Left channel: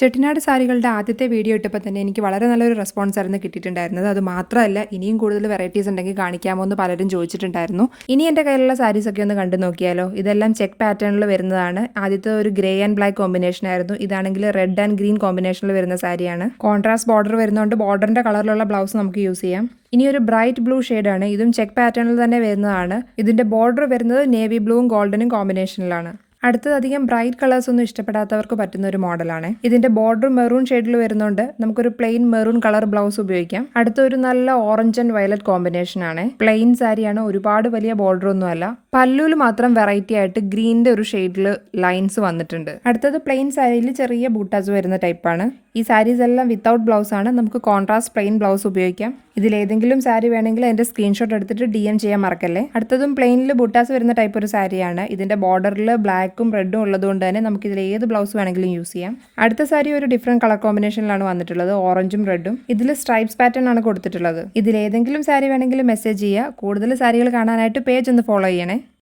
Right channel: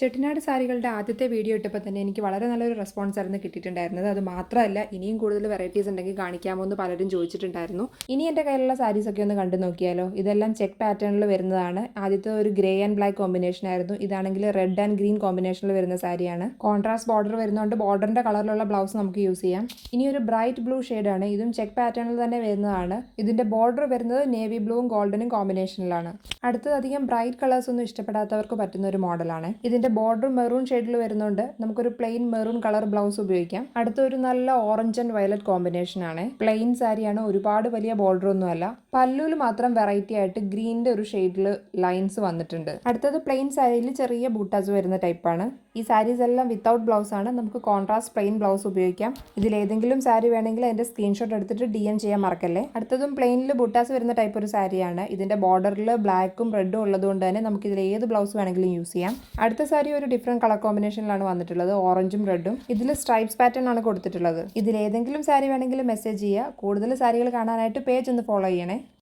ചെട്ടിനാട് സാരികളുടെ ആദ്യത്തെ വീഡിയോ ഇട്ടപ്പോൾ തന്നെ എനിക്ക് വളരെ നല്ലൊരു റെസ്പോൺസ് ആയിരുന്നു കിട്ടിയിട്ടുണ്ടായിരുന്നത്. അത് മാത്രമല്ല ഇനിയും കൂടുതൽ വെറൈറ്റീസ് ഉണ്ടെങ്കിൽ കാണിക്കാമോ എന്ന് പലരും ചോദിച്ചിട്ടുണ്ടായിരുന്നു. ഇനി എൻ്റെ കയ്യിലുള്ള സാരീസ് ഒക്കെ ഒന്ന് കണ്ടു നോക്കിയാലോ. ഇതെല്ലാം ചെക്ക് പാറ്റേണിൽ വരുന്നതാണ്. ആദ്യത്തെ ഒരു ഗ്രേ ആൻഡ് ബ്ലാക്ക് കോമ്പിനേഷൻ ആയിരുന്നു. ഇതാണെങ്കിൽ റെഡ് ആൻഡ് ഗ്രീൻ കോമ്പിനേഷനിൽ വരുന്ന സാരിയാണ്. കോൺട്രാസ്റ്റ് ബോർഡർ വരുന്നതുകൊണ്ട് ബോർഡറിന്റെ കളറിലുള്ള ബ്ലൗസ് നമുക്ക് യൂസ് ചെയ്യാം. ഇനി ഒരു ബ്രൈറ്റ് ബ്ലൂ ഷെയ്ഡാണ്. ഇതും ചെക്ക് പാറ്റേണിൽ തന്നെ വരുന്നതാണ്. ഇതിന്റെ ബോർഡർ വരുന്നത് നേവി ബ്ലൂവും ഗോൾഡനും കോമ്പിനേഷനിലാണ്. അടുത്തത് അധികം ബ്രൈറ്റ് കളേഴ്സ് ഒന്നും ഇഷ്ടപ്പെടാത്തവർക്ക് പറ്റുന്ന ഒരു മോഡലാണ്. ഇതിന്റെ ബോർഡർ മെറൂൺ ഷെയ്ഡിൽ വരുന്നുണ്ട്. നമുക്കൊരു പ്ലെയിൻ മെറൂൺ കളർ ബ്ലൗസ് ഉപയോഗിക്കാം. അടുത്ത ഒരു നല്ല ഓറഞ്ച് ആൻഡ് വയലറ്റ് കോമ്പിനേഷൻ ആണ്. പ്ലെയിൻ സാരിയാണ്, ഒരുപാട് വലിയ ബോർഡർ ഒന്നും അല്ല. പല്ലുവിൽ മാത്രം വെറൈറ്റി ആയിട്ട് ഗ്രീനിന്റെ ഒരു ഷെയ്ഡിൽ ലൈൻസ് വന്നിട്ടുണ്ട്. അടുത്തത് പ്ലെയിൻ സാരിയിൽ ചെറിയ ബൂട്ടാസ് വരുന്ന ടൈപ്പാണ്. ഈ സാരീസ് എല്ലാം വിത്തൗട്ട് ബ്ലൗസ് ആണ്. നമുക്ക് കോൺട്രാസ്റ്റ് പ്ലെയിൻ ബ്ലൗസ് ഉപയോഗിക്കാം. ഇതിലേതെങ്കിലും സാരി വേണമെങ്കിൽ അതിന്റെ സ്ക്രീൻഷോട്ട് എടുത്തിട്ട് DM ചെയ്യാൻ മറക്കല്ലേ. അടുത്തതും പ്ലെയിനിൽ ബൂട്ടാസ് വരുന്ന ടൈപ്പ് ഒരു സാരിയാണ്. ഇതിന്റെ ബോർഡറിൽ ബ്ലാക്കും റെഡും ഉള്ളതുകൊണ്ട് തന്നെ നമുക്ക് ഇതിൽ ഏത് ബ്ലൗസ് വേണമെങ്കിലും യൂസ് ചെയ്യാം. അടുത്ത സാരി ഒരു ഡിഫറെന്റ് കളർ കോമ്പിനേഷനിലാണ് വന്നിട്ടുള്ളത്, ഓറഞ്ചും റെഡും. ഇതിൽ സ്ട്രൈപ്സ് പാറ്റേൺ ആണ് കൊടുത്തിട്ടുള്ളത്. ഇതിലേതെങ്കിലും സാരി വേണമെങ്കിൽ മെസ്സേജ് ചെയ്യുക. കൂടുതൽ സാരികൾ കാണാനായിട്ട് പേജ് ഒന്ന് ഫോളോ ചെയ്യണേ.